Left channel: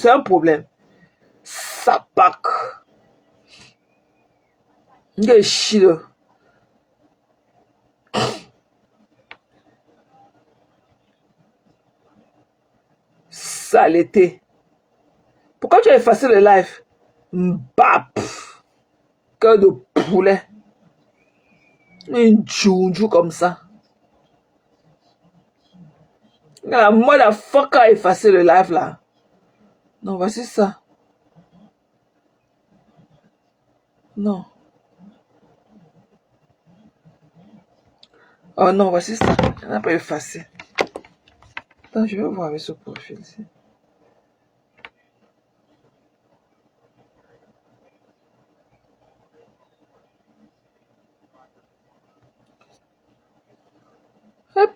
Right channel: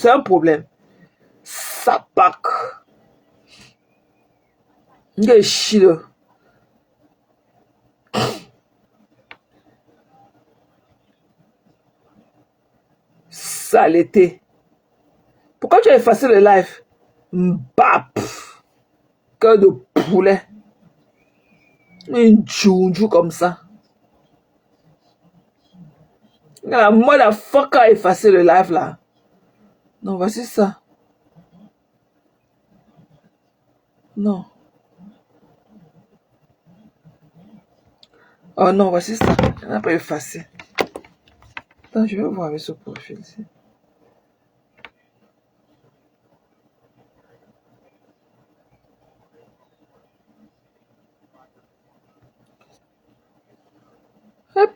c'est un problème. Sapak. Il chile. Saleté. Pourquoi tu as effacé le live? Mbap. Cœur de poulet. Un djoudjou comme ça. Moi, la fuck a effacé le live là. Non, voici ça. Non. Oh non, voici ça. On n'a pas effacé. Attends, je vais voir avec ce profil ici.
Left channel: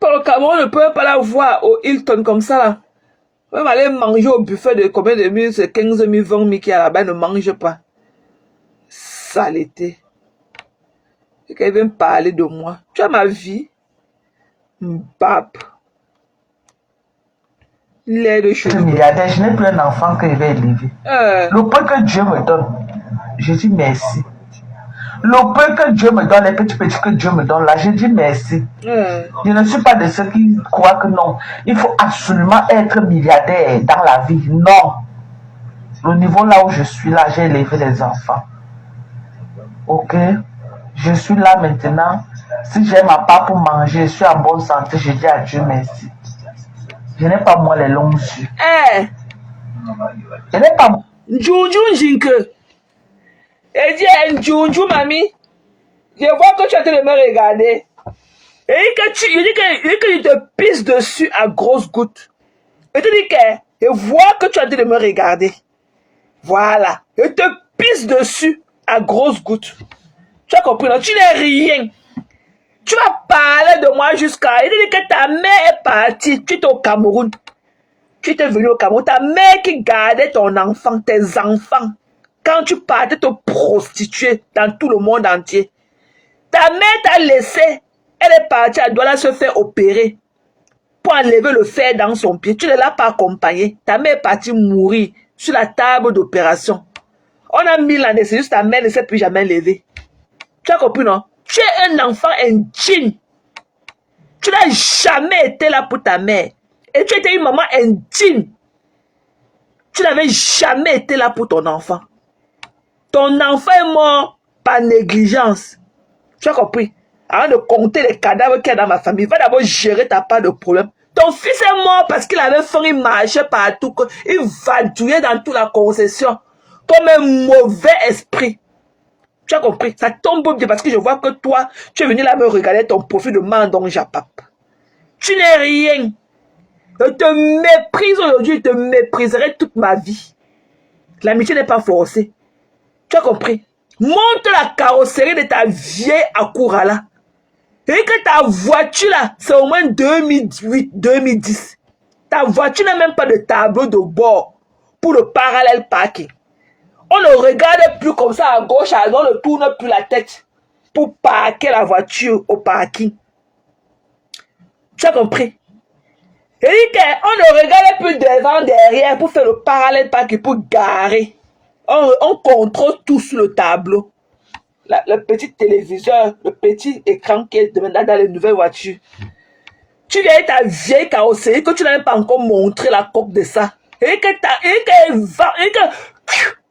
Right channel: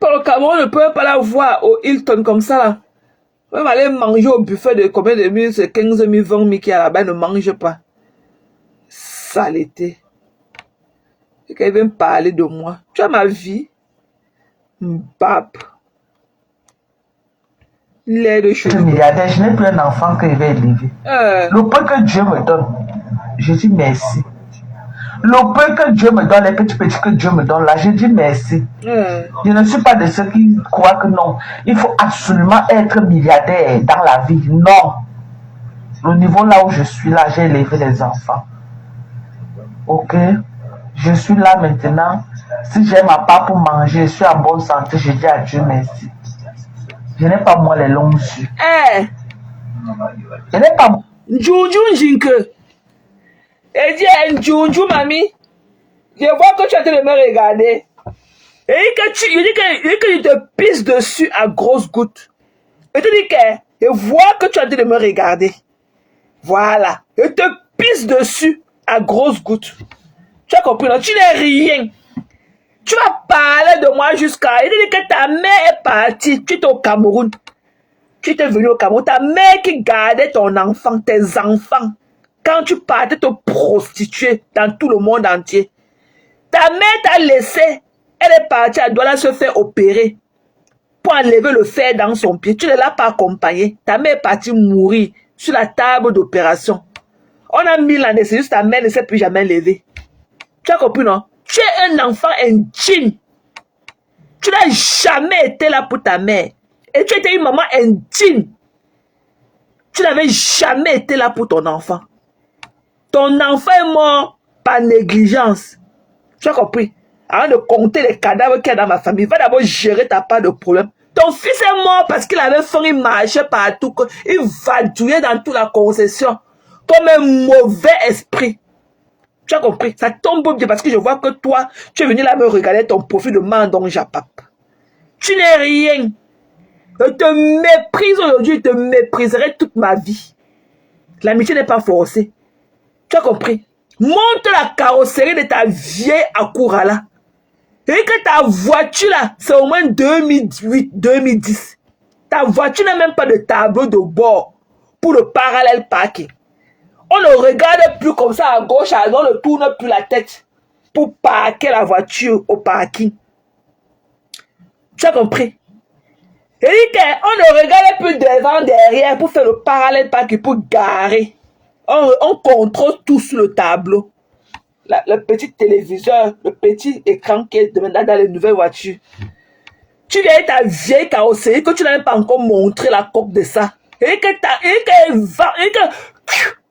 Pour le Cameroun, on ne peut pas la voir au Hilton comme ça. On va aller manger au buffet de combien de mille, c'est 15 000, 20 000 qui est là-bas, ne mange pas. Saleté. Et qu'elle vient parler de moi. Tu as ma vie. Mbap. Lait de cheveux. Je n'ai plus un enfant que je vais élever. Le peu que Dieu me donne, je dis merci. Le peu que Dieu me donne, les petits que Dieu me donne là, je dis merci. Je ne suis pas de ceux qui croient que non. Il faut absolument être milliardaire dans la vie. Non. Le niveau là où je suis là, j'ai élevé les enfants. Ok? Je suis là maintenant. Si j'ai ma part pour manger, je suis en bonne santé, je dis à Dieu merci. Je n'ai pas moi les longs yeux. Je n'ai pas. Djoudjou Jinke. Elle dit Djoudjou, mamie. Je vois que tu es en train de me regarder. Et que je te pisse dessus à grosses gouttes. Et tu dis que je vois que tu es en train de me regarder. Voilà. Je te pisse dessus à grosses gouttes. Tu as compris, non? Tu n'es rien. Tu as parlé de moi jusqu'à... Il dit que ta mère est partie. Tu étais au Cameroun. Tu étais venu au Cameroun. Ta mère qui gardait ton enfant, tes enfants. Quand tu partais te prostituer dans tout le monde entier. Ta mère t'a laissé. Elle est partie, elle doit se faire opérer. Pour enlever le fer dans son pied. Tu ne l'as pas accompagnée. Ta mère est partie mourir sur la table d'opération. On a mis l'anesthésiste, ta mère ne s'est plus jamais levée. Tu as compris, non? Tu es un enfant indigne. Tu n'as jamais été là pour ta mère. Et tu étais une maman indigne. Tu n'avais jamais été là pour ton enfant. Ton enfant est mort par négligence. Tu as compris? Avant de compter les cadavres qu'il y a dans ma famille, va d'abord gérer ta part de problème. Ton fils est mort parce qu'il avait faim, il marchait partout. Il vadouillait dans toute la concession. Comme un mauvais esprit. Tu as compris? Ça tombe bien parce que je vois que toi, tu es venu là me regarder ton profil de Mandon Japap. Tu n'es rien. Je te méprise aujourd'hui, je te mépriserai toute ma vie. L'amitié n'est pas forcée. Tu as compris? Monte la carrosserie de ta vieille Acura là. Et que ta voiture là, c'est au moins 2008, 2010. Ta voiture n'a même pas de tableau de bord pour le parallèle parking. On ne regarde plus comme ça à gauche, à droite, on ne tourne plus la tête pour parquer la voiture au parking. Tu as compris? Et on ne regarde plus devant, derrière pour faire le parallèle parking, pour garer. On contrôle tout sur le tableau. Le petit téléviseur, le petit écran qui est maintenant dans les nouvelles voitures. Tu viens ta vieille carrosserie que tu n'as même pas encore montré la coque de ça. Et que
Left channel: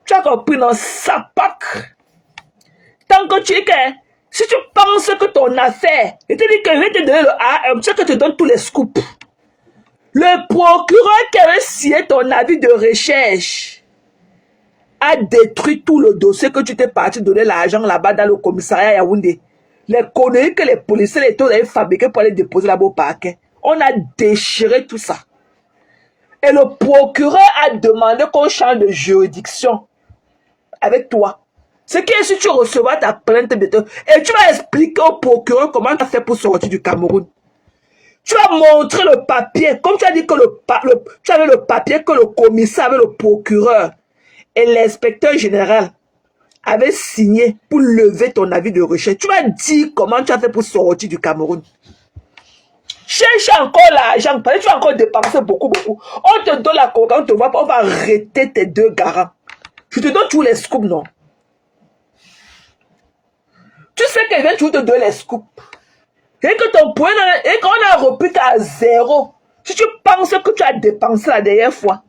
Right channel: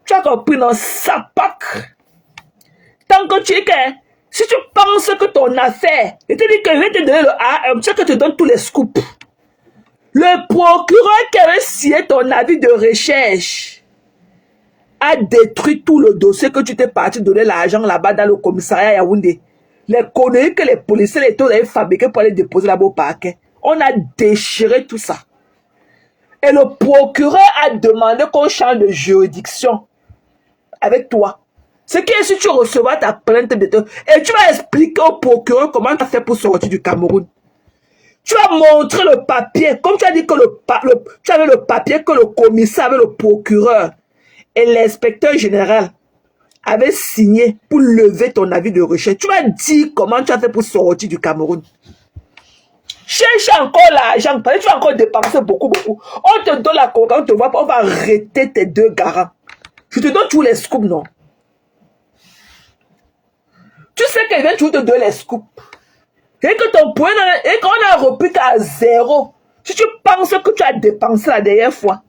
tu as compris dans sa pack. Tant que tu es que, si tu penses que ton affaire, et tu dis que je vais te donner le AM, tu sais que tu donnes tous les scoops. Le procureur qui avait signé ton avis de recherche a détruit tout le dossier que tu t'es parti donner l'argent là-bas dans le commissariat Yaoundé. Les conneries que les policiers et tout avaient fabriqués pour aller déposer là-bas au parquet. On a déchiré tout ça. Et le procureur a demandé qu'on change de juridiction avec toi. Ce qui est si tu recevras ta plainte de toi. Et tu vas expliquer au procureur comment tu as fait pour sortir du Cameroun. Tu vas montrer le papier. Comme tu as dit que tu avais le papier que le commissaire avait le procureur. Et l'inspecteur général avait signé pour lever ton avis de recherche. Tu vas dire comment tu as fait pour sortir du Cameroun. Cherche encore l'argent, parce que tu vas encore dépenser beaucoup. On te donne la coca, on te voit pas, on va arrêter tes 2 garants. Je te donne tous les scoops, non? Tu sais que je viens toujours te donner les scoops. Et que ton point, et qu'on a repris à 0. Si tu penses que tu as dépensé la dernière fois,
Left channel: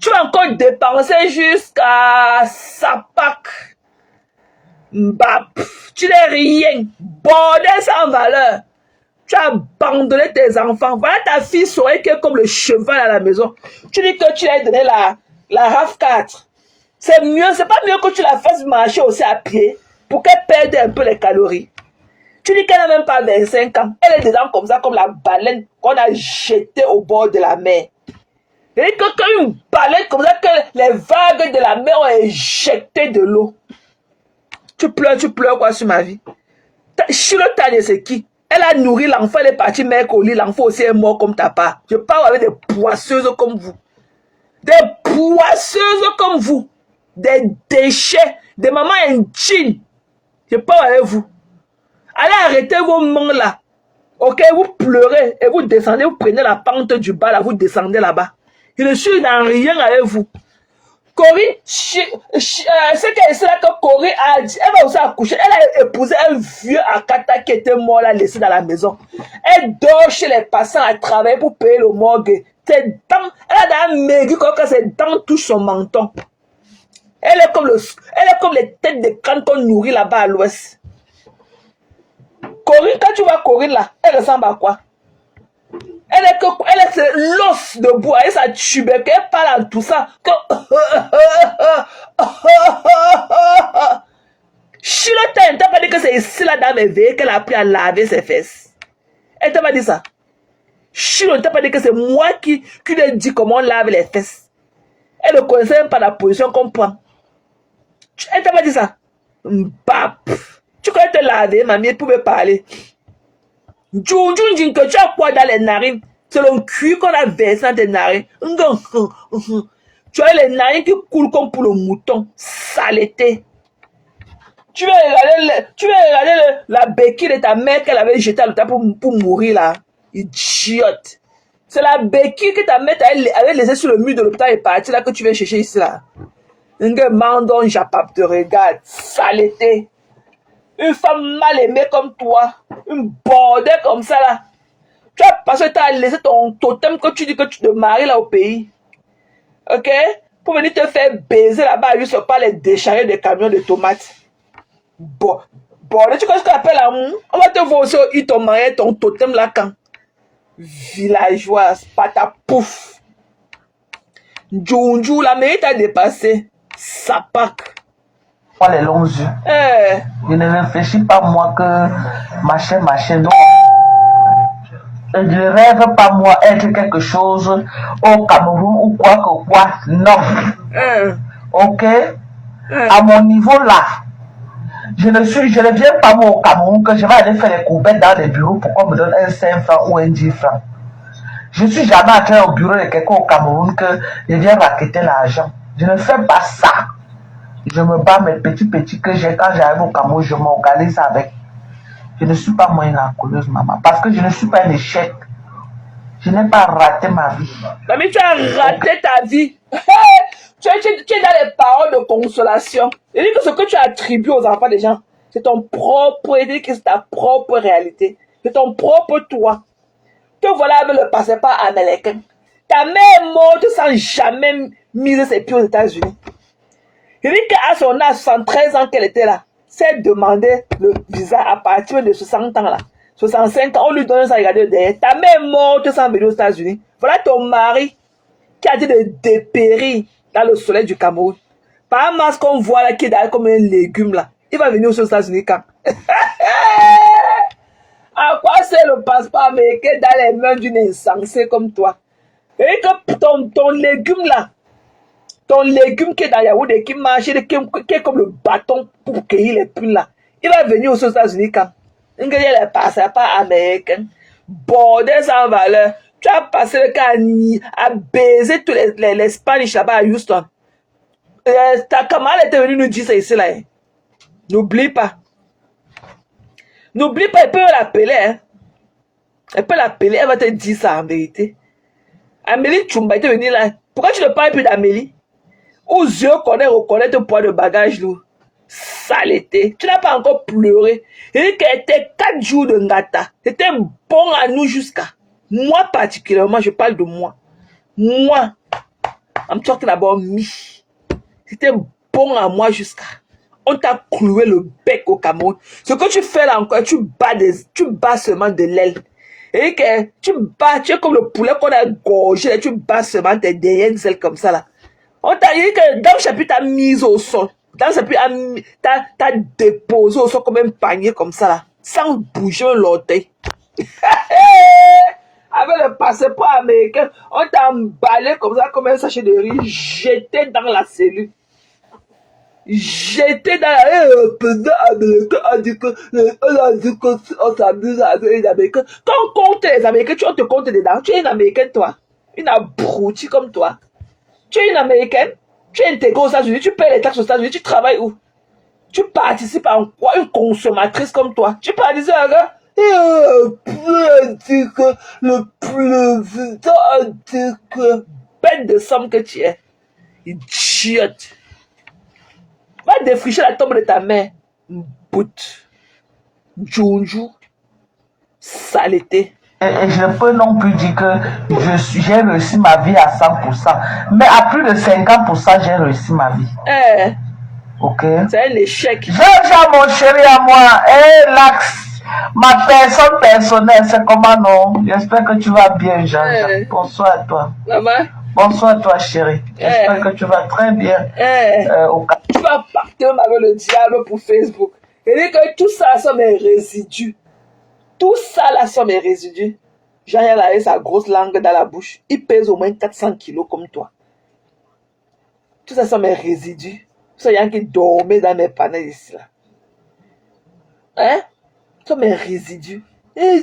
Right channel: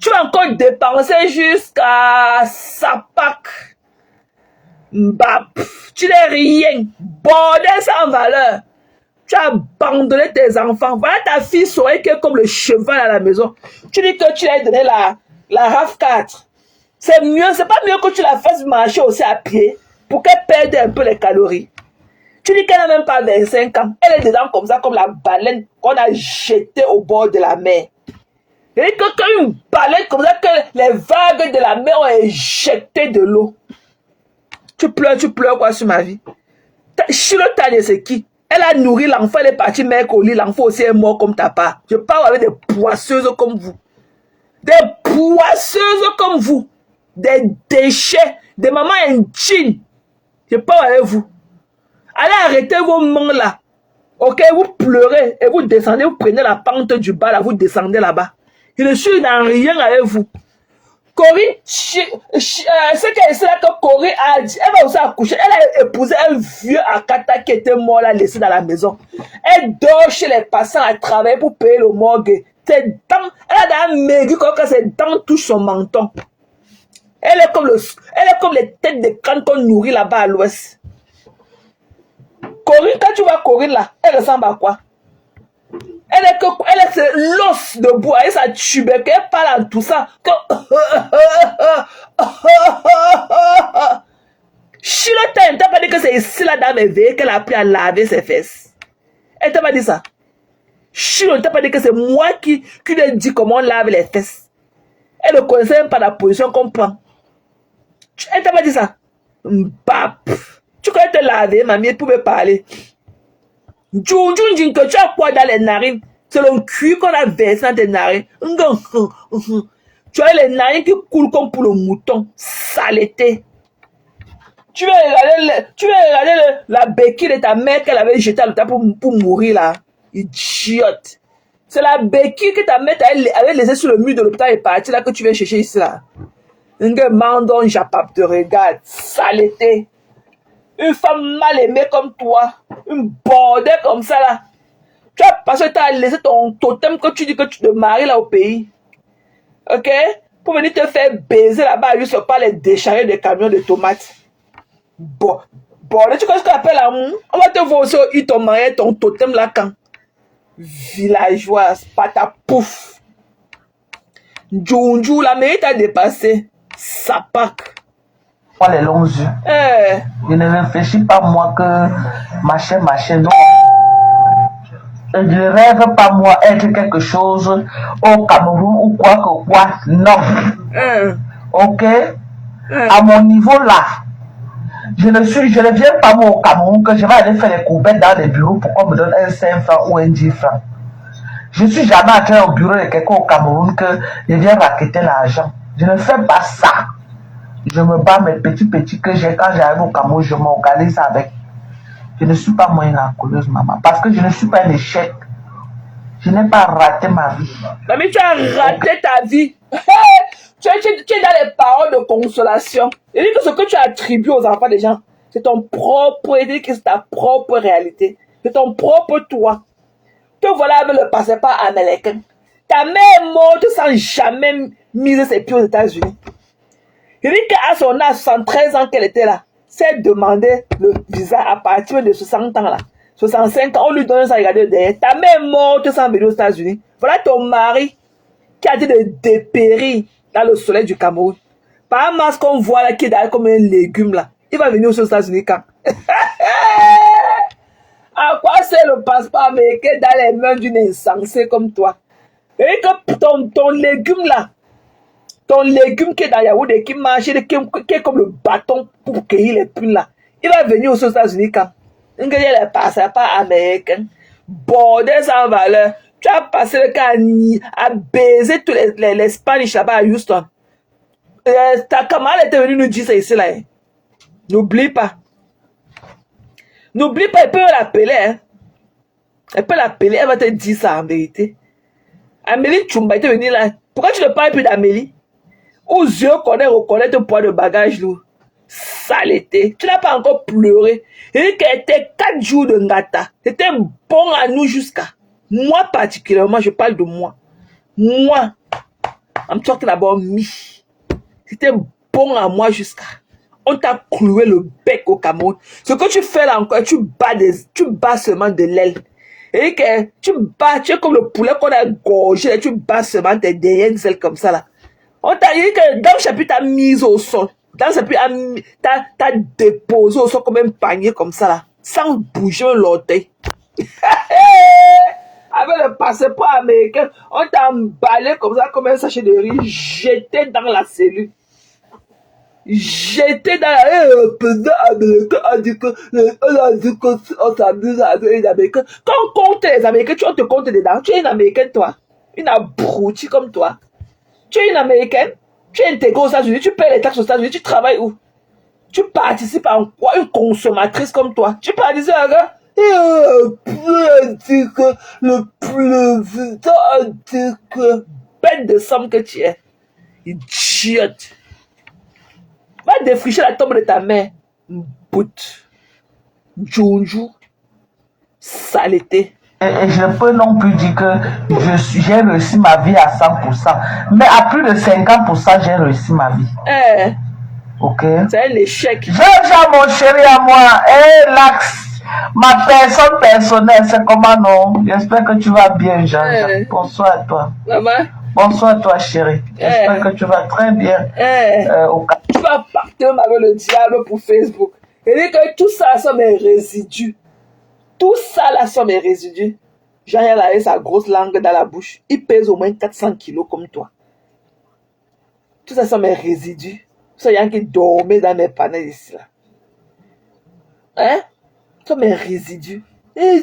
tu as encore dépensé jusqu'à Sapak. Bah, tu n'es rien. Bordel sans valeur. Tu as abandonné tes enfants. Voilà ta fille souriait qui est comme le cheval à la maison. Tu dis que tu lui as donné la RAV4. C'est mieux, c'est pas mieux que tu la fasses marcher aussi à pied pour qu'elle perde un peu les calories. Tu dis qu'elle n'a même pas 25 ans. Elle est dedans comme ça, comme la baleine qu'on a jetée au bord de la mer. Et que une baleine comme ça, que les vagues de la mer ont éjecté de l'eau. Tu pleures quoi sur ma vie? Chirotane, c'est qui? Elle a nourri l'enfant, elle est partie mec au lit, l'enfant aussi est mort comme ta part. Je parle avec des poisseuses comme vous. Des poisseuses comme vous. Des déchets, des mamans indignes. Je parle avec vous. Allez arrêter vos mains là. Ok, vous pleurez et vous descendez, vous prenez la pente du bas là, vous descendez là-bas. Je suis dans rien avec vous. Corinne, c'est là que Corinne a dit, elle va aussi accoucher, elle a épousé un vieux Akata qui était mort là, laissé dans la maison. Elle dort chez les passants à travailler pour payer le morgue. Ses dents, elle a dans maigri quand ses dents touchent son menton. Elle est comme les têtes de crâne qu'on nourrit là-bas à l'ouest. Corinne, quand tu vois Corinne là, elle ressemble à quoi? Elle est l'os de bois et sa tubercule, elle parle en tout ça. Chilota, elle t'a pas dit que c'est ici la dame éveillée qu'elle a appris à laver ses fesses. Elle t'a pas dit ça. Chilota, elle t'a pas dit que c'est moi qui lui ai dit comment on lave les fesses. Elle ne connaissait même pas la position qu'on prend. Elle t'a pas dit ça. Bah, tu connais te laver, mamie, elle pouvait parler. Que tu as quoi dans les narines? C'est le cuir qu'on a versé dans tes narines. Tu as les narines qui coulent comme pour le mouton. Saleté. Tu veux regarder la béquille de ta mère qu'elle avait jetée à l'hôpital pour mourir là. Idiote. C'est la béquille que ta mère avait laissée sur le mur de l'hôpital et partie là que tu viens chercher ici là. Un gars mandon, j'appelle, te regarde. Saleté. Une femme mal aimée comme toi, une bordelle comme ça là. Tu as parce que tu as laissé ton totem que tu dis que tu te maries là au pays. Ok? Pour venir te faire baiser là-bas, juste pas les décharger des camions de tomates. Bon, tu connais ce qu'on appelle l'amour? On va te voir aussi ton mari, ton totem là quand. Villageoise, pata pouf. Djounjou, la mairie t'a dépassé. Sapak. Les longs yeux. Je ne réfléchis pas moi que machin. Donc, je ne rêve pas moi être quelque chose au Cameroun ou quoi que quoi. Non. Ok? À mon niveau là, je ne viens pas moi au Cameroun que je vais aller faire les couvertes dans les bureaux pour qu'on me donne un 5 francs ou un 10 francs. Je ne suis jamais entré au bureau de quelqu'un au Cameroun que je viens raqueter l'argent. Je ne fais pas ça. Je me bats mes petits que j'ai quand j'arrive au Cameroun, je m'organise avec. Je ne suis pas moins racoleuse, maman, parce que je ne suis pas un échec. Je n'ai pas raté ma vie. Mais tu as raté ta vie. Tu es dans les paroles de consolation. Et que ce que tu attribues aux enfants des gens, c'est ton propre, c'est ta propre réalité. C'est ton propre toi. Te voilà avec le passeport américain. Ta mère est morte sans jamais miser ses pieds aux États-Unis. Il dit qu'à son âge, 73 ans qu'elle était là, s'est demandé le visa à partir de 60 ans là. 65 ans, on lui donne ça, regardez derrière. Ta mère est morte sans venir aux États-Unis. Voilà ton mari qui a dit de dépérir dans le soleil du Cameroun. Par un masque qu'on voit là qui est derrière comme un légume là. Il va venir aux États-Unis quand? À quoi c'est le passeport américain dans les mains d'une insensée comme toi? Et que ton légume là, ton légume qui est dans Yaoundé, qui marche, qui est comme le bâton pour cueillir les prunes là, il va venir aux États-Unis quand? Il y a les passeports américains. Bordel sans valeur. Tu as passé le cas à baiser tous les Spanish là-bas à Houston. Ta camarade était venue nous dire ça ici là. N'oublie pas. N'oublie pas, il peut l'appeler. Hein. Elle peut l'appeler, elle va te dire ça en vérité. Amélie Tchoumba était venue là. Pourquoi tu ne parles plus d'Amélie? Aux yeux qu'on reconnaît ton poids de bagage, nous. Saleté. Tu n'as pas encore pleuré. Et qu'elle était 4 jours de ngata. C'était bon à nous jusqu'à. Moi particulièrement, je parle de moi. Moi. I'm talking about me. C'était bon à moi jusqu'à. On t'a cloué le bec au Cameroun. Ce que tu fais là encore, tu bats seulement de l'aile. Et que tu es comme le poulet qu'on a gorgé, tu bats seulement tes derrières ailes comme ça là. On t'a dit que dans le chapitre, t'as mis au sol. Dans le chapitre, t'as déposé au sol comme un panier comme ça là. Sans bouger l'orteil. Avec le passeport américain, on t'a emballé comme ça, comme un sachet de riz, jeté dans la cellule. J'étais dans le président américain a dit qu'on s'amuse avec les Américains. Quand on compte les Américains, on te compte dedans. Tu es une Américaine, toi. Une abrutie comme toi. Tu es une Américaine. Tu es intégrée aux États-Unis. Tu payes les taxes aux États-Unis. Tu travailles où? Tu participes en quoi? Une consommatrice comme toi. Tu participes à quoi? Le président a dit que bête de somme que tu es. Idiote. Va défricher la tombe de ta mère. Bout. Djounjou. Saleté. Et je peux non plus dire que j'ai réussi ma vie à 100%. Mais à plus de 50%, j'ai réussi ma vie. Ok? C'est un échec. J'ai mon chéri à moi. L'axe. Ma personne personnelle, c'est comment non? J'espère que tu vas bien, Jean-Jacques. Bonsoir à toi. Maman? Bonsoir à toi, chérie. J'espère que tu vas très bien. Tu vas partir avec le diable pour Facebook. Et dit que tout ça sont mes résidus. Tout ça là sont mes résidus. Jean-Yves a sa grosse langue dans la bouche. Il pèse au moins 400 kilos comme toi. Tout ça sont mes résidus. C'est rien qui dormait dans mes panels ici là. Hein? Ce sont mes résidus. Et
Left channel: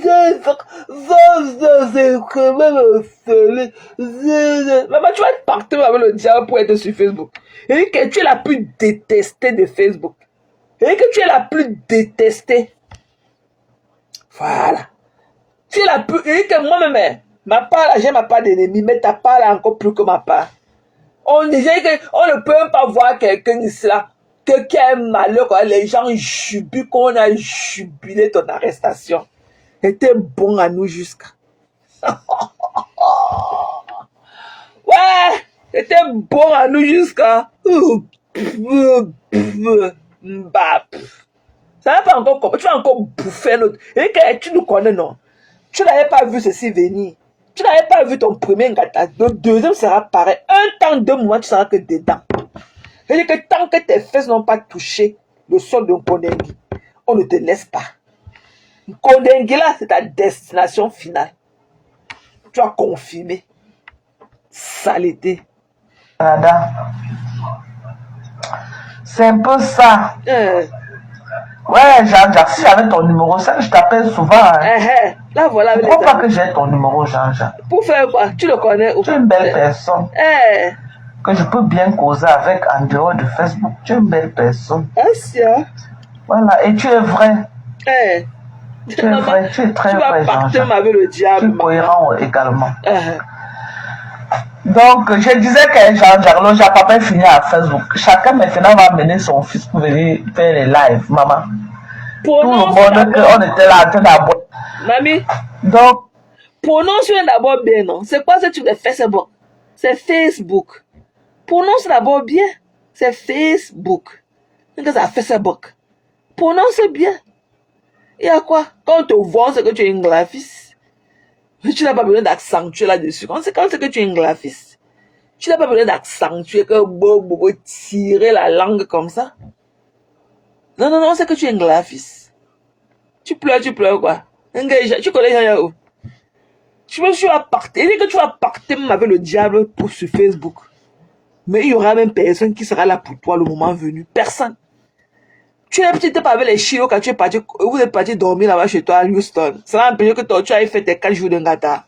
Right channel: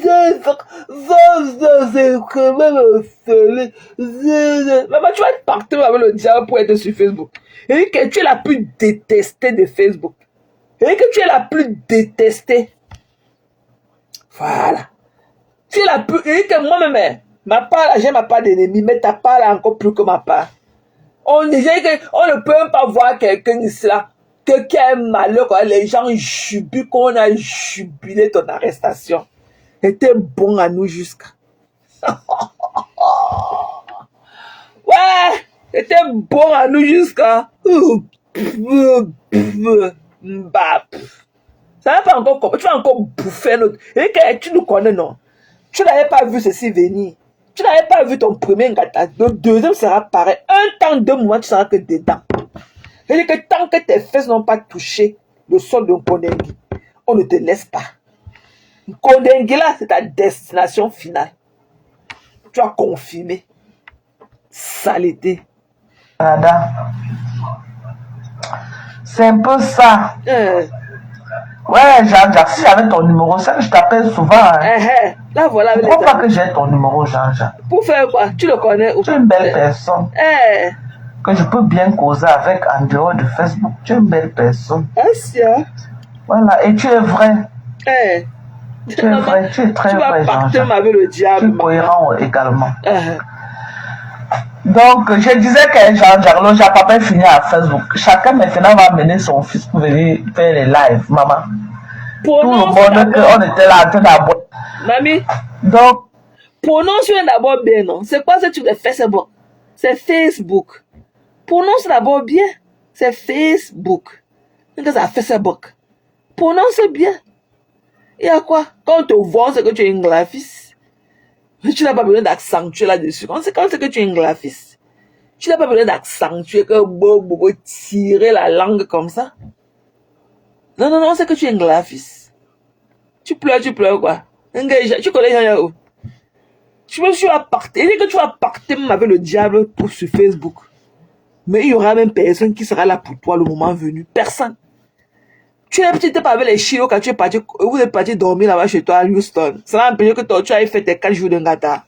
maman, tu vas partir avec le diable pour être sur Facebook. Et que tu es la plus détestée de Facebook. Et que tu es la plus détestée. Voilà. Tu es la plus... Et que moi-même, ma part, j'ai ma part d'ennemi, mais ta part est encore plus que ma part. On disait qu'on ne peut même pas voir quelqu'un ici là. Qui a un malheur, quand les gens jubilent, qu'on a jubilé ton arrestation. C'était bon à nous jusqu'à. Ouais, c'était bon à nous jusqu'à. Ça va pas encore, tu vas encore bouffer l'autre. Et que tu nous connais, non? Tu n'avais pas vu ceci venir. Tu n'avais pas vu ton premier gâteau. Le deuxième sera pareil. Un temps, 2 mois, tu seras que dedans. C'est-à-dire que tant que tes fesses n'ont pas touché le sol de Kondengi, on ne te laisse pas. Kondengi là, c'est ta destination finale. Tu as confirmé. Saleté. C'est un peu ça. Ouais, Jean-Jacques, si j'avais ton numéro, ça je t'appelle souvent. Là, voilà. Pourquoi pas que j'ai ton numéro, Jean-Jacques? Pour faire quoi? Tu le connais? Tu es une belle personne. Que je peux bien causer avec en dehors de Facebook. Tu es une belle personne. Voilà, et tu es vrai. Tu es vrai, tu es très vrai, Jean-Jacques. Tu es cohérent également. Donc, je disais que Jean-Jacques, le Japapin finit à Facebook. Chacun maintenant va amener son fils pour venir faire les lives, maman. Tout le monde qu'on était là en train d'aboyer. Mamie. Donc, prononce d'abord bien, non? C'est quoi ce truc de Facebook? C'est Facebook. Prononce d'abord bien. C'est Facebook. C'est Facebook. Prononce bien. Et à quoi? Quand on te voit, c'est que tu es une graphiste. Tu n'as pas besoin d'accentuer là-dessus. Quand c'est que tu es une graphiste. Tu n'as pas besoin d'accentuer, que tirer la langue comme ça. Non, c'est que tu es une graphiste. Tu pleures quoi? Tu connais rien où? Tu vas partir. Il dit que tu vas partir même avec le diable pour sur Facebook. Mais il y aura même personne qui sera là pour toi le moment venu. Personne. Tu es petit peu avec les chiots quand tu es parti, vous êtes parti dormir là-bas chez toi à Houston. Ça va empêcher que tu aies fait tes 4 jours de ngata.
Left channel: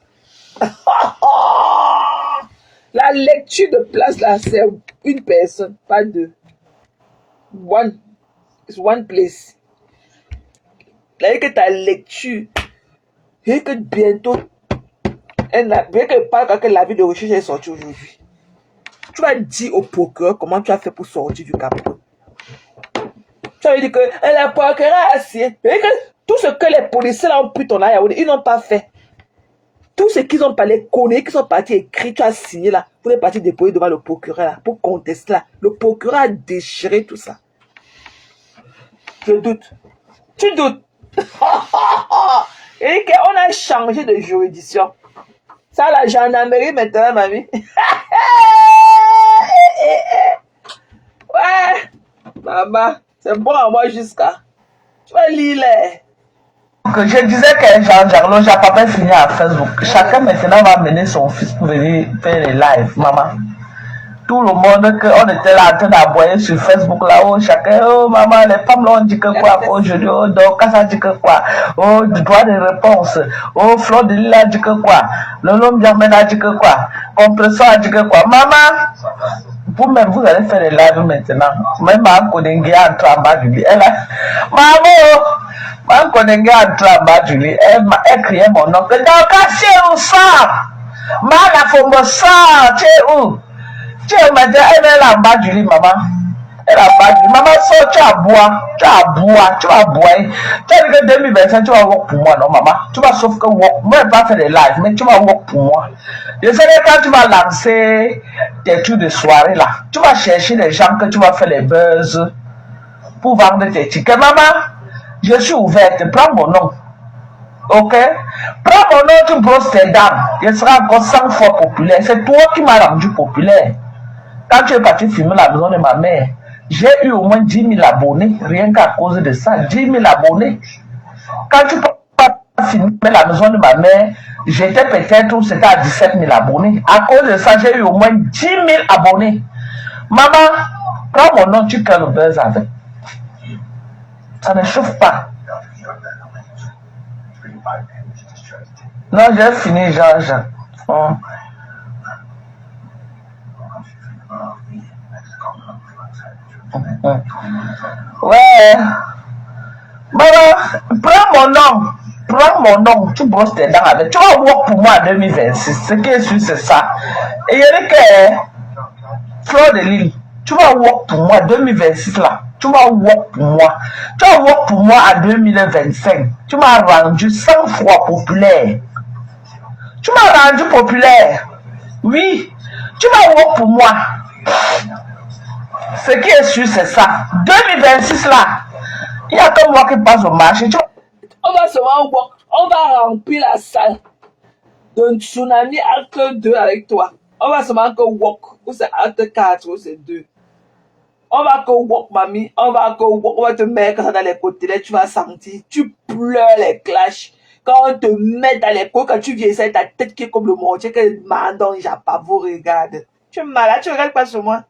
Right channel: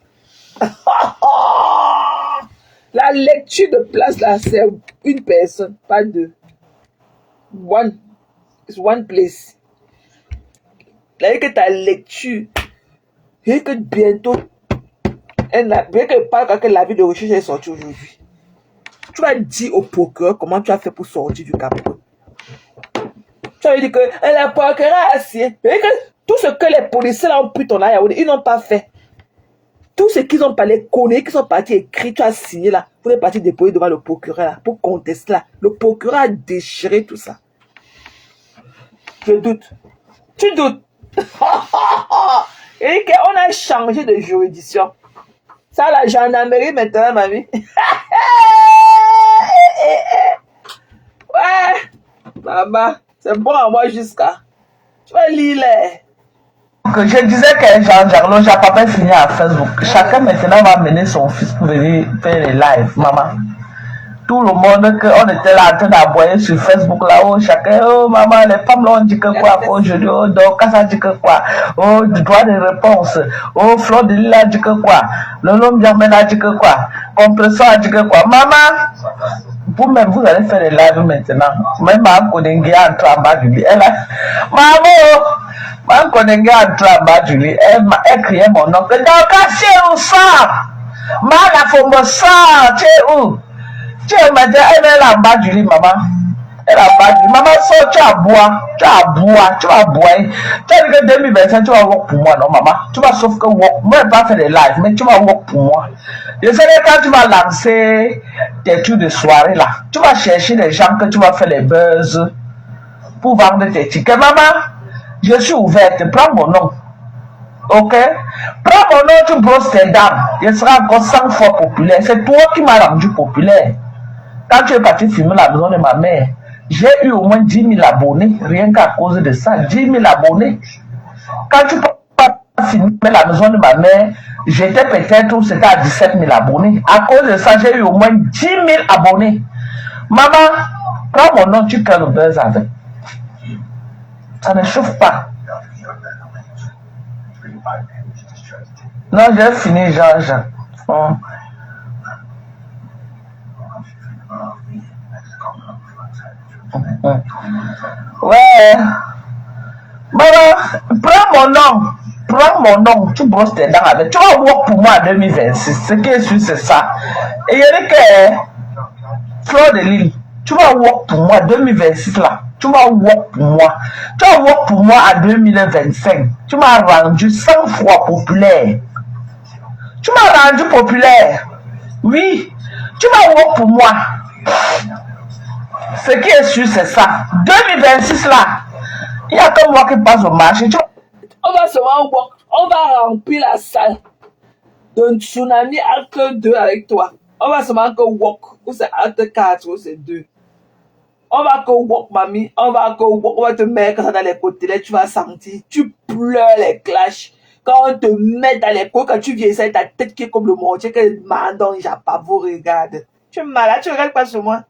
La lecture de place là, c'est une personne, pas deux. It's one place. C'est-à-dire que ta lecture, Et que bientôt, bien que parle que l'avis de recherche est sorti aujourd'hui. Tu vas dire au procureur comment tu as fait pour sortir du Cameroun. Tu vas dire que la procureur a assis. Tout ce que les policiers ont pris ton là, ils n'ont pas fait. Tout ce qu'ils ont parlé, connaît, qu'ils sont partis écrire, tu as signé là, pour les partir déposer devant le procureur là, pour contester là. Le procureur a déchiré tout ça. Je doute. Tu doutes. Et qu'on a changé de juridiction. Ça, la gendarmerie maintenant, mamie. Ouais. Maman, c'est bon à moi jusqu'à. Tu vas lire les. Je disais que Jean-Jarlo, j'ai pas fini à Facebook. Chacun maintenant va mener son fils pour venir faire les lives, maman. Tout le monde, on était là en train d'abonner sur Facebook là-haut, chacun, oh maman, les femmes là, on dit que quoi aujourd'hui, oh, donc ça dit que quoi, oh, du droit de réponse, oh, Fleur de Lille a dit que quoi, le nom Germain a dit que quoi, Compression a dit que quoi, maman, vous-même, vous allez faire les lives maintenant, même ma collègue entre en bas du lit, elle a, maman, ma collègue entre en bas du lit, elle criait mon nom, que donc, c'est où ça, ma la forme ça, c'est où? Tu m'as dit, elle est là en bas du lit, maman. Elle est en bas du lit. Maman, so, tu vas boire. Tu vas boire. Tu vas boire. Tu as dit que 2025, tu vas work pour moi, non, maman. Tu vas sauf que work. Moi, je ne vais pas faire des lives, mais tu vas work pour moi. Je sais que quand tu vas lancer tes trucs de soirée, là, tu vas chercher les gens que tu vas faire des buzz pour vendre tes tickets. Maman, je suis ouverte. Prends mon nom. Ok? Prends mon nom, tu brosses tes dents. Je serai encore 100 fois populaire. C'est toi qui m'as rendu populaire. Quand tu es parti filmer la maison de ma mère, j'ai eu au moins 10 000 abonnés, rien qu'à cause de ça, 10 000 abonnés. Quand tu peux filmer la maison de ma mère, j'étais peut-être, c'était à 17 000 abonnés. À cause de ça, j'ai eu au moins 10 000 abonnés. Maman, prends mon nom, tu crées le buzz avec. Ça ne chauffe pas. Non, j'ai fini, Georges. Ouais. Maman, prends mon nom, tu brosses tes dents avec. Tu vas voir pour moi en 2026. Ce qui est sûr, c'est ça. Et il y a que Fleur de Lille, tu vas voir pour moi en 2026 là. Tu vas voir pour moi. Tu vas voir pour moi en 2025. Tu m'as rendu 100 fois populaire. Tu m'as rendu populaire. Oui. Tu vas voir pour moi. Ce qui est sûr, c'est ça. 2026 là. Il y a que moi qui passe au marché. On va se voir, on va remplir la salle d'un tsunami acte 2 avec toi. On va se voir que walk, ou c'est acte 4, ou c'est 2. On va que walk, mamie. On va que walk, on va te mettre ça dans les côtés. Là, tu vas sentir, tu pleures les clashs. Quand on te met dans les côtés, quand tu viens, c'est ta tête qui est comme le mortier, que Mandon, vous regarde. Tu es malade, tu regardes pas sur moi.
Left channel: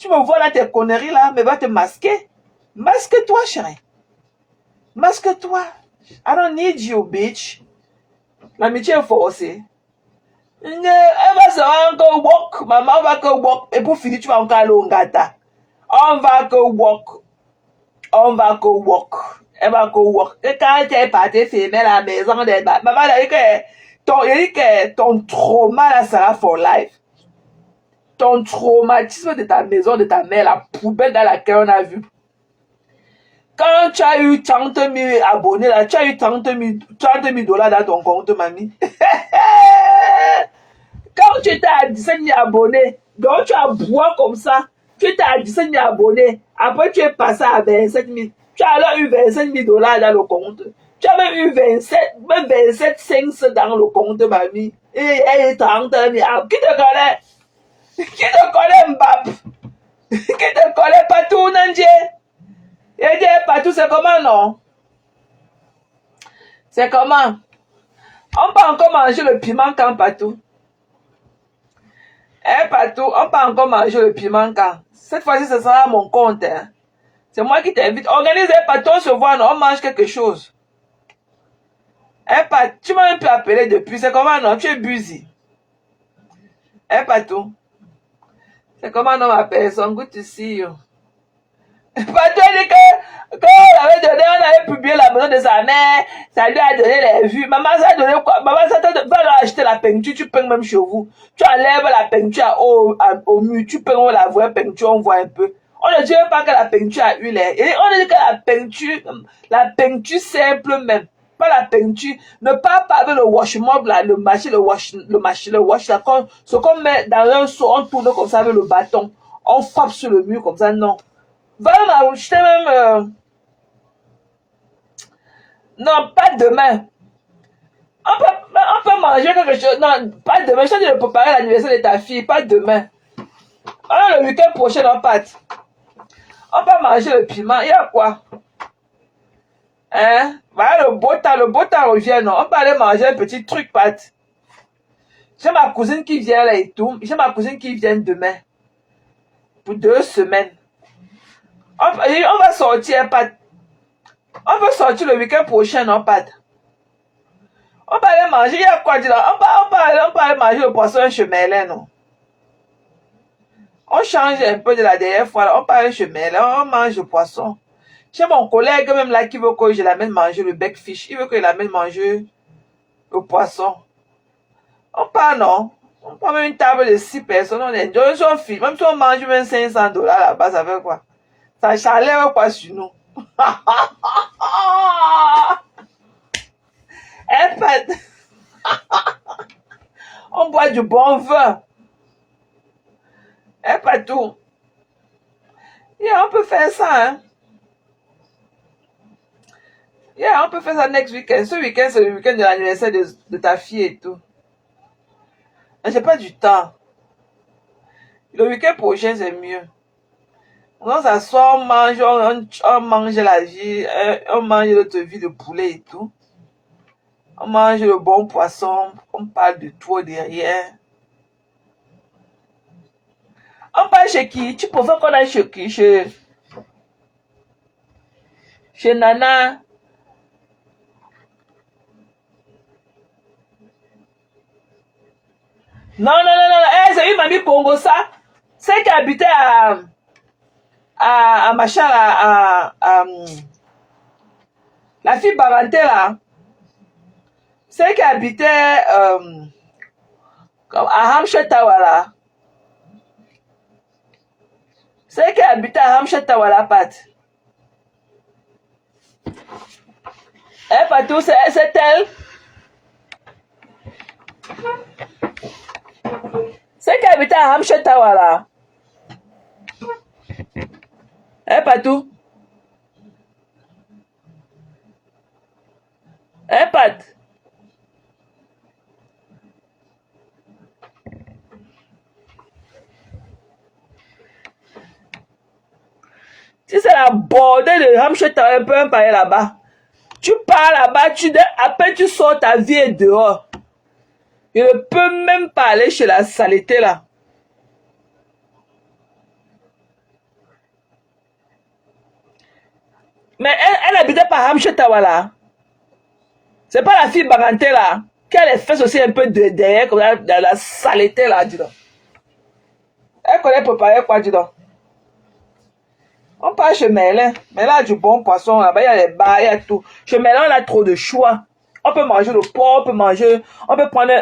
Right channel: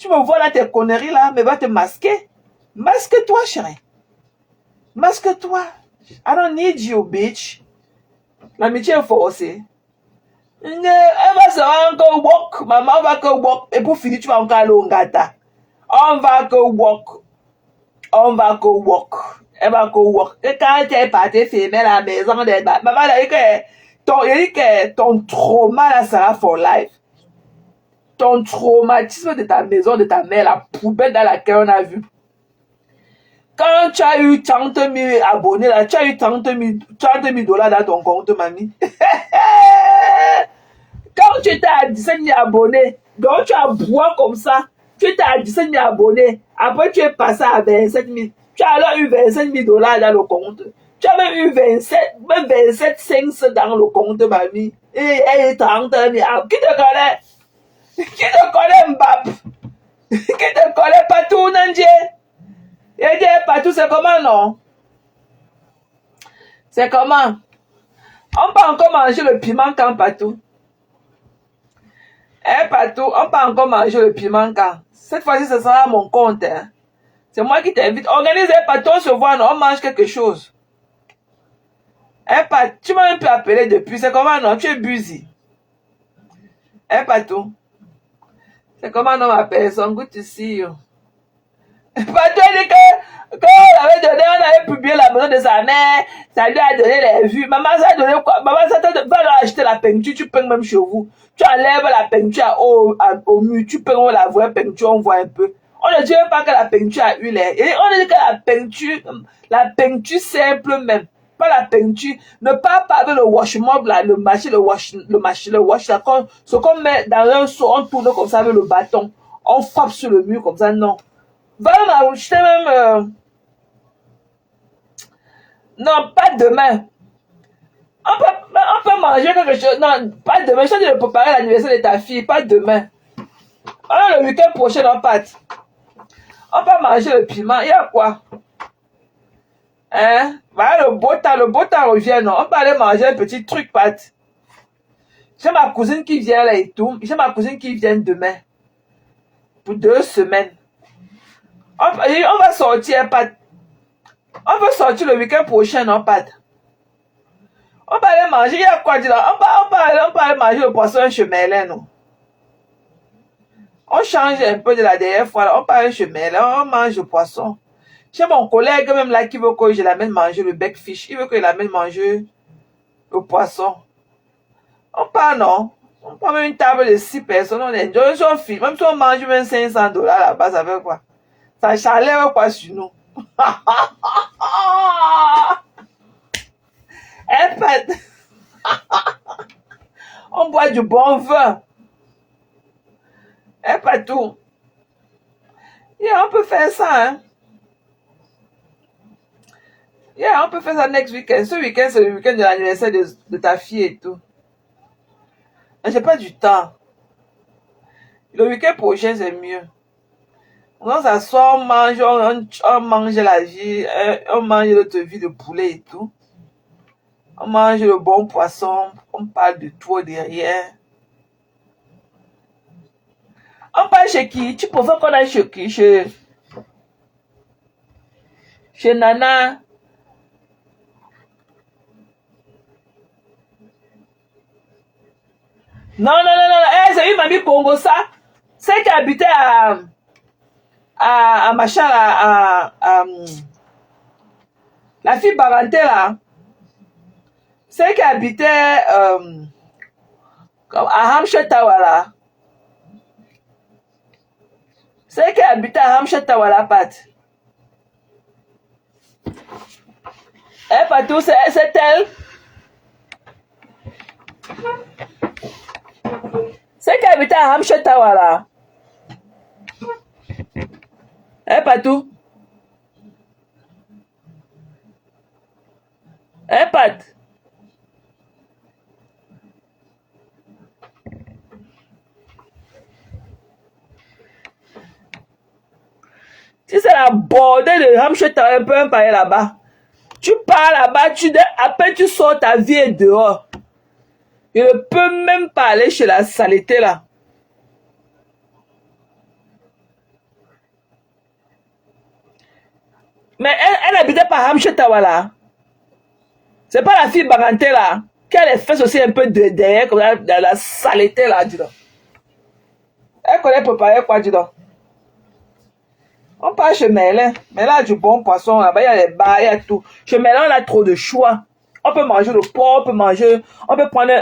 Tu me vois là, tes conneries là, mais va te masquer. Masque-toi, chérie. Masque-toi. I don't need you, bitch. L'amitié est forcée. Elle va se encore walk. Maman va que walk. Et pour finir, tu vas encore aller au gata. On va que walk. On va que walk. Elle va que walk. Et quand tu es parti filmer la maison, maman a dit que ton trauma là sera for life. Ton traumatisme de ta maison, de ta mère, la poubelle dans laquelle on a vu. Quand tu as eu 30 000 abonnés, là, tu as eu 30 000 $ dans ton compte, mamie. Quand tu étais à 17 000 abonnés, donc tu as boire comme ça, tu étais à 17 000 abonnés, après tu es passé à 27 000. Tu as alors eu 25 000 $ dans le compte. Tu as même eu 27 500 dans le compte, mamie. Et 30 000. Qui te connaît? Qui te connaît, Mbap? Qui te connaît partout, Nandje? Et dire partout, c'est comment, non? C'est comment? On peut encore manger le piment quand partout. Partout, on peut encore manger le piment quand. Cette fois-ci, ce sera mon compte. Hein. C'est moi qui t'invite. Organise partout, on se voit, non? On mange quelque chose. Tu m'as même pu appeler depuis. C'est comment, non? Tu es busy. Partout. C'est comment, non, ma personne? Good to see you. Partout, dit que Quand on avait publié la maison de sa mère, ça lui a donné les vues. Maman, ça a donné quoi? Maman, ça t'a donné, va acheter la peinture, tu peins même chez vous. Tu enlèves la peinture au mur, tu peins, on la voit peinture, on voit un peu. On ne dit pas que la peinture a huile. Et on dit que la peinture simple même, pas la peinture. Ne parle pas avec le wash mob là, le wash là, ce qu'on met dans un seau, on tourne comme ça avec le bâton. On frappe sur le mur comme ça, non. Voilà, je t'ai même... Non, pas demain. On peut manger quelque chose. Non, pas demain. Je t'ai dit de préparer l'anniversaire de ta fille, pas demain. Alors, le week-end prochain, on part. On peut manger le piment. Il y a quoi? Hein? Voilà, le beau temps revient, non? On peut aller manger un petit truc, Pat. J'ai ma cousine qui vient là et tout. J'ai ma cousine qui vient demain. Pour 2 semaines. On va sortir, Pat. On va sortir le week-end prochain, non, Pat? On va aller manger, il y a quoi dire là? On va aller manger le poisson chemin, non? On change un peu de la dernière fois, là. On va aller chemin, là. On mange le poisson. J'ai mon collègue même là qui veut que je l'amène manger le bec fish. Il veut que je l'amène manger le poisson. On part, non? On prend même une table de 6 personnes, on enjoy son film. Même si on mange même $500 là-bas, ça fait quoi? Ça lève quoi sur nous? Eh, Pat. On boit du bon vin. Eh, pas tout. Yeah, on peut faire ça, hein? Yeah, on peut faire ça next week-end. Ce week-end, c'est le week-end de l'anniversaire de ta fille et tout. Mais j'ai pas du temps. Le week-end prochain, c'est mieux. On s'assoit, on mange la vie, on mange notre vie de poulet et tout. On mange le bon poisson, on parle de tout, de rien. On parle chez qui? Tu préfères qu'on aille chez qui? Chez Nana. Non, c'est une mamie Congo, ça. C'est qui habitait à machin, la fille Baranté, là. C'est qui habitait à Hampshire Tower, là. C'est qui habitait à Hampshire Tower, là, Pat. Eh, Patou, c'est elle. C'est qui habitait à Hampshire Tower, là. Eh, Patou. Eh, Pat. Si c'est la bordée de Hampshire Tower, un peu un pareil là-bas. Tu pars là-bas, après tu sors ta vie dehors. Je ne peux même pas aller chez la saleté là. Mais elle habitait par Hampshire Tower là. C'est pas la fille Baranté là. Qui a les fesses aussi un peu de derrière, comme dans la saleté là, dis donc. Elle connaît préparer quoi, dis donc. On part chez Merlin. Merlin a du bon poisson là-bas, il y a les bars, il y a tout. Chez Merlin, on a trop de choix. On peut manger le porc, on peut prendre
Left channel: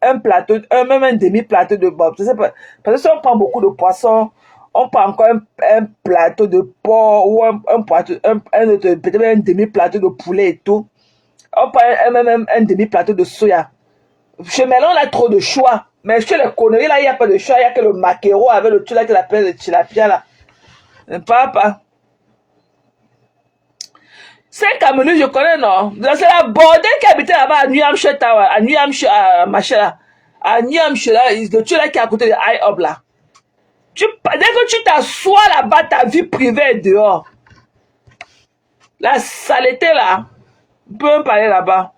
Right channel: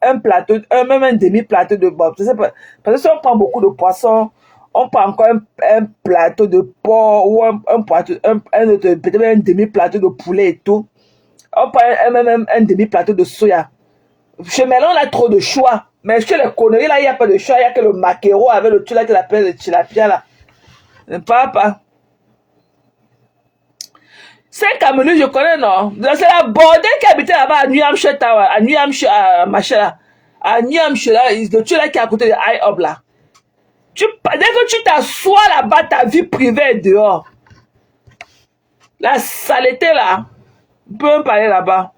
un plateau, même un demi-plateau de bob. Parce que si on prend beaucoup de poissons, on prend encore un plateau de porc ou peut-être un demi-plateau de poulet et tout. On prend même un demi-plateau de soya. Chez Merlin, on a trop de choix. Mais chez les conneries là, il n'y a pas de choix. Il n'y a que le maquereau avec le truc là qu'il appelle le tilapia là. Ne parle pas. C'est Cameroun, je connais, non? C'est la bordée qui habitait là-bas à New Hampshire Tower, à New Hampshire, machin là. À New Hampshire, là, le truc là qui est à côté de IHOP là. Dès que tu t'assois là-bas, ta vie privée est dehors. La saleté là, on peut même parler là-bas.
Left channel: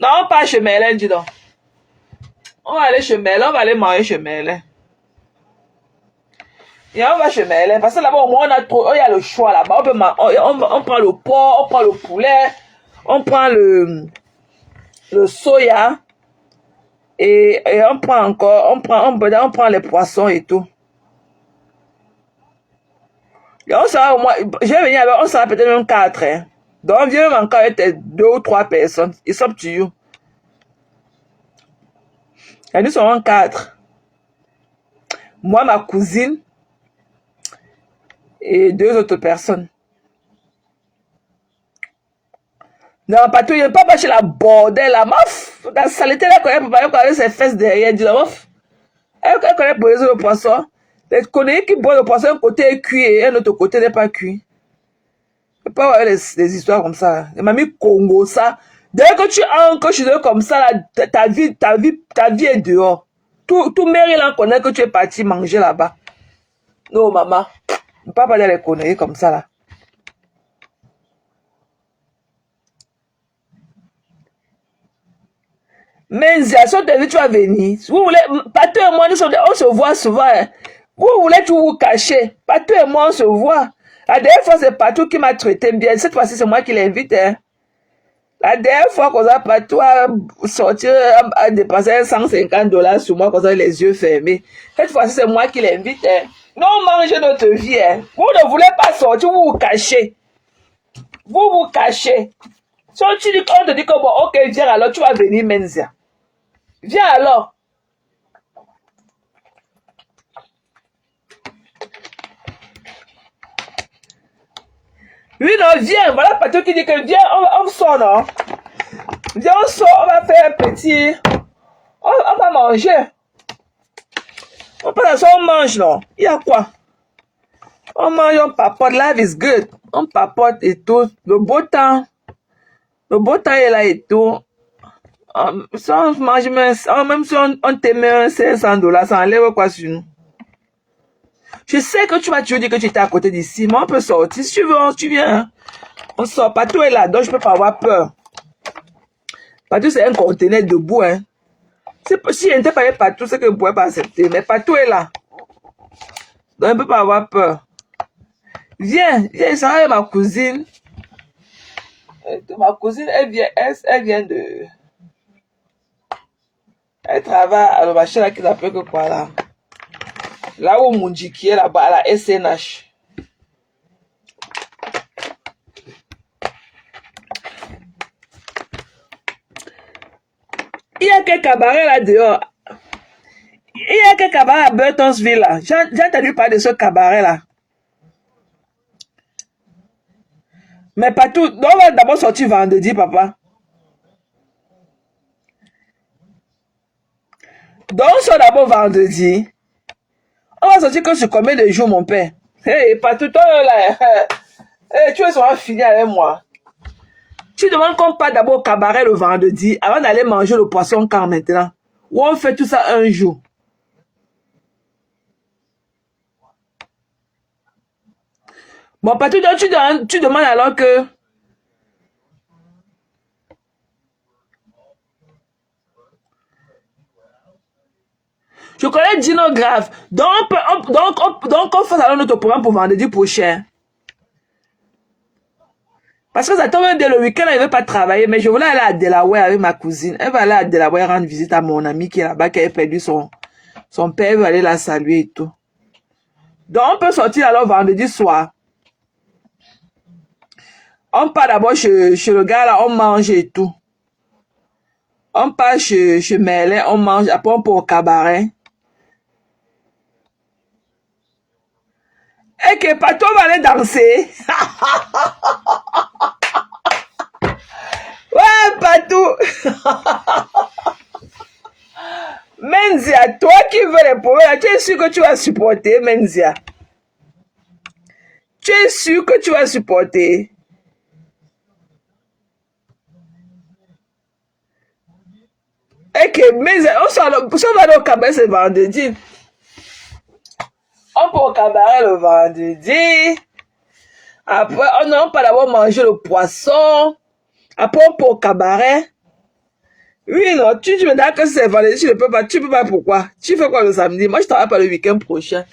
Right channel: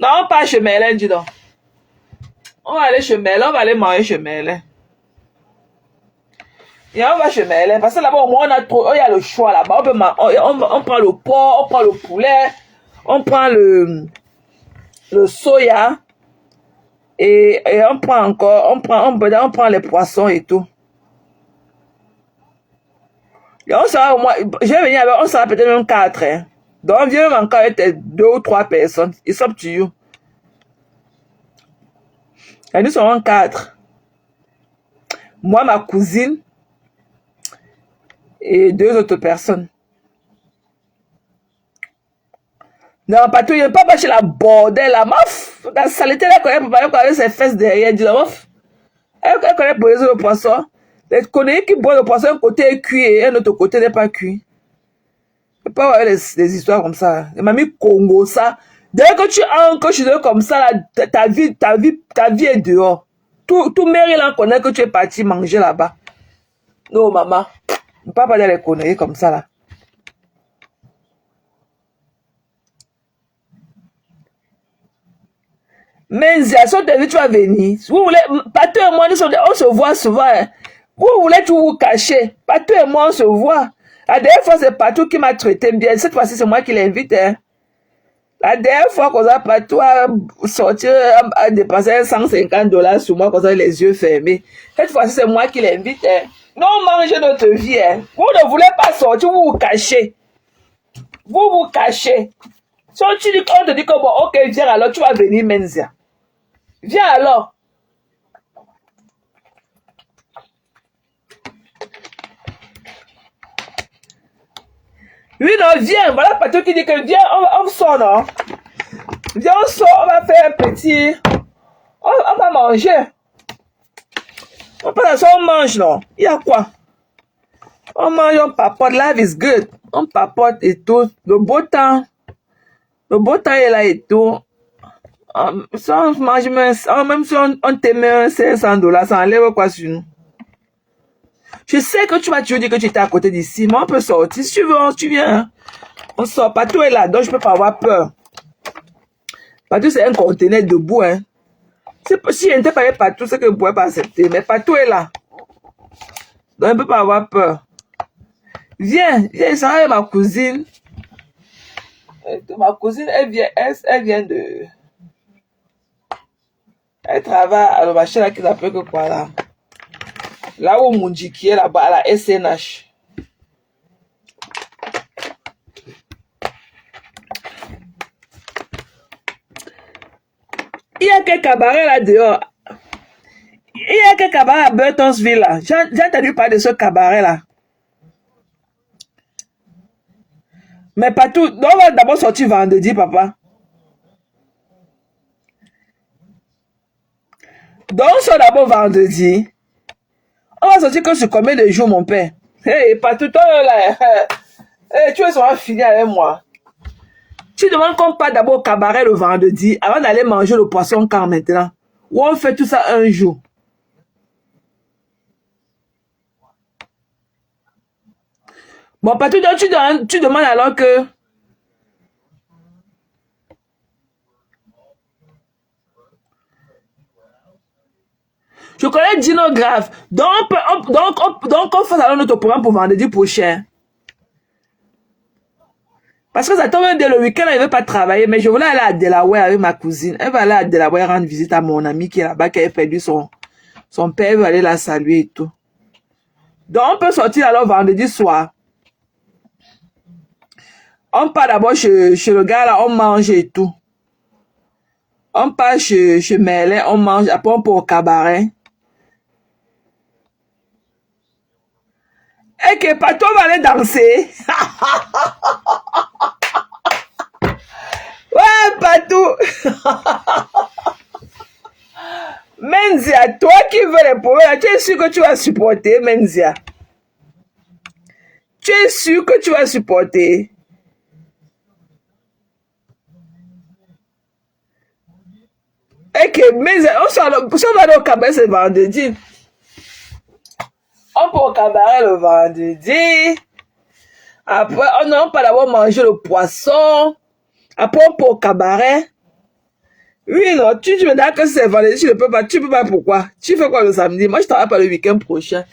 Non, on part chez Merlin, dis donc. On va aller chez Merlin, on va aller manger chez Merlin. Et on va chez Merlin, parce que là-bas, au moins, il y a le choix là-bas. On prend le porc, on prend le poulet, on prend le soya, et on prend encore, on prend les poissons et tout. Et on sera au moins, je vais venir avec, on sera peut-être même 4. Hein. Donc, viens encore avec 2 ou 3 personnes. It's up to you. Et nous serons 4. Moi, ma cousine et 2 autres personnes. Non, pas tout, il n'y a pas chez la bordel, la meuf. La saleté, elle connaît ses fesses derrière, dit la meuf. Elle connaît pour le poisson. Elle connaît qui boit le poisson, un côté est cuit et un autre côté n'est pas cuit. Il peut y avoir des histoires comme ça. Elle m'a mis Congo, ça. Dès que tu ancres chez eux comme ça, ta vie est dehors. Tout Maryland connaît que tu es parti manger là-bas. Non, maman. Ne pas parler les conneries comme ça, là. Mais si tu vas venir, vous voulez, Pato et moi, on se voit souvent. Hein. Vous voulez tout vous cacher. Pato et moi, on se voit. La dernière fois, c'est Pato qui m'a traité bien. Cette fois-ci, c'est moi qui l'invite. Hein. La dernière fois qu'on a Pato à sortir, à dépenser $150 sur moi, comme ça, les yeux fermés. Cette fois-ci, c'est moi qui l'invite. Hein. Non, mangez notre vie. Hein. Vous ne voulez pas sortir, vous vous cachez. Vous vous cachez. Si on te dit que bon, ok, viens alors, tu vas venir, Menzia. Viens alors. Oui, non, viens. Voilà Pato qui dit que viens, on sort, non? Viens, on sort, on va faire un petit... On va manger. On passe on mange, non? Il y a quoi? On mange, on papote. Life is good. On papote et tout. Le beau temps est là et tout. Ça, on mange, même si on te met $500, ça enlève quoi sur nous? Je sais que tu vas toujours dire que tu étais à côté d'ici, mais on peut sortir. Si tu veux, tu viens. Hein. On sort. Pato est là, donc je ne peux pas avoir peur. Pato, c'est un conteneur debout. Hein. Si je n'étais pas Pato, c'est que je ne pourrais pas accepter. Mais Pato est là. Donc je ne peux pas avoir peur. Viens, ça va avec ma cousine. Ma cousine, elle vient de... Elle travaille à la machine là qui s'appelle que quoi là. Là où Mundi qui est là-bas, à la SNH. Il y a quelques cabarets là dehors. Il y a quelques cabarets à Burtonsville là. J'ai entendu parler de ce cabaret là. Mais pas tout. Donc on va d'abord sortir vendredi, papa. Donc on sort d'abord vendredi. On va sortir que sur combien de jours, mon père? Hey, pas tout toi là. Hey, tu vas finir avec moi. Tu demandes qu'on parte d'abord au cabaret le vendredi avant d'aller manger le poisson quand maintenant. Ou on fait tout ça un jour. Bon, pas tout tu demandes alors que... Je connais Dino Grave. Donc, on fait alors notre programme pour vendredi prochain. Parce que ça tombe dès le week-end, elle ne veut pas travailler. Mais je voulais aller à Delaware avec ma cousine. Elle va aller à Delaware rendre visite à mon ami qui est là-bas, qui a perdu son père. Elle va aller la saluer et tout. Donc, on peut sortir alors vendredi soir. On part d'abord chez le gars là, on mange et tout. On part chez Merlin, on mange. Après, on part au cabaret. Et que Pato va aller danser. Ouais, Pato. Menzia, toi qui veux les problèmes, tu es sûr que tu vas supporter, Menzia. Tu es sûr que tu vas supporter. Et que Menzia, on va au cabaret ce vendredi. On peut au cabaret le vendredi. Après, on peut d'abord manger le poisson. Après, on peut au cabaret. Oui, non, tu me dis que c'est vendredi, tu ne peux pas. Tu peux pas pourquoi? Tu fais quoi le samedi? Moi, je travaille pas le week-end prochain.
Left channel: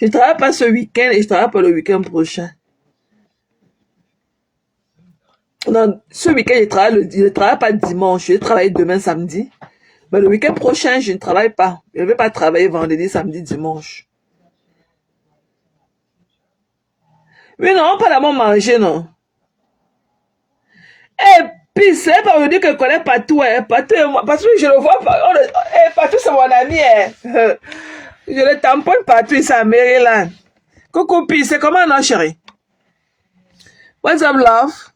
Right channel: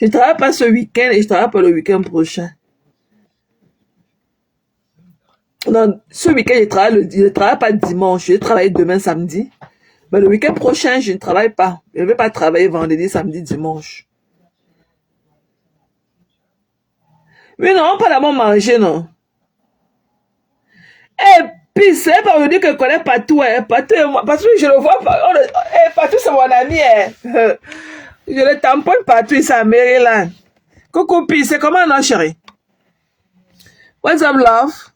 Je travaille pas ce week-end et je travaille pas le week-end prochain. Non, ce week-end, je ne travaille pas dimanche. Je vais travailler demain, samedi. Mais le week-end prochain, je ne travaille pas. Je ne vais pas travailler vendredi, samedi, dimanche. Oui, non, on parle d'abord manger, non. Et puis, c'est pas me dire que je connais Patou, hein. Patou, je le vois pas. Patou, c'est mon ami, hein. Je le tamponne Patou, c'est à Maryland. Coucou, puis, c'est comment, non, chérie? What's up, love?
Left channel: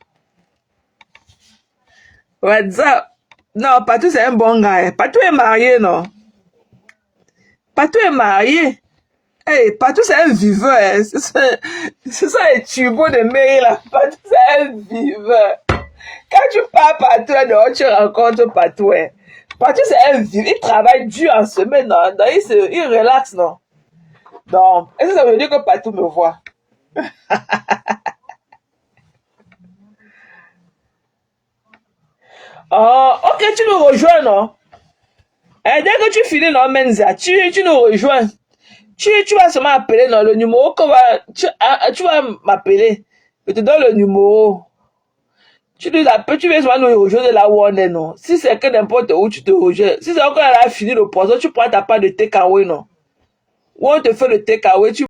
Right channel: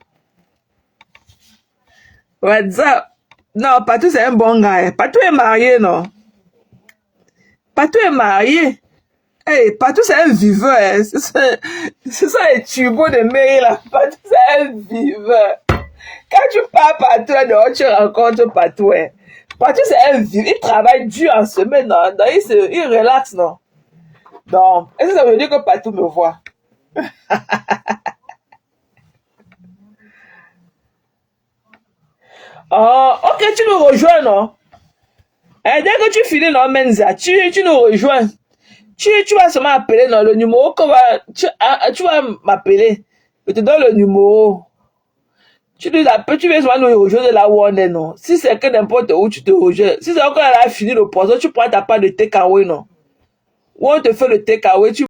What's up? Non, Patou, c'est un bon gars. Patou est marié, non? Patou est marié. Hey, Patou, c'est un viveur. Hein. C'est ça les tubos de Maryland. Patou, c'est un viveur. Quand tu pars Patou, dehors, tu rencontres Patou. Hein. Patou, c'est un viveur. Il travaille dur en semaine. Non? Donc, il relaxe, non? Donc, est-ce que ça veut dire que Patou me voit? Oh, ok, tu nous rejoins, non? Et dès que tu finis, non, Menza, tu nous rejoins. Tu vas seulement appeler, non, le numéro que tu vas m'appeler. Je te donne le numéro. Tu nous appelles, tu viens seulement nous rejoindre là où on est, non? Si c'est que n'importe où, tu te rejoins. Si c'est encore elle a fini le poisson, tu prends ta part de takeaway, non? Ou on te fait le takeaway, tu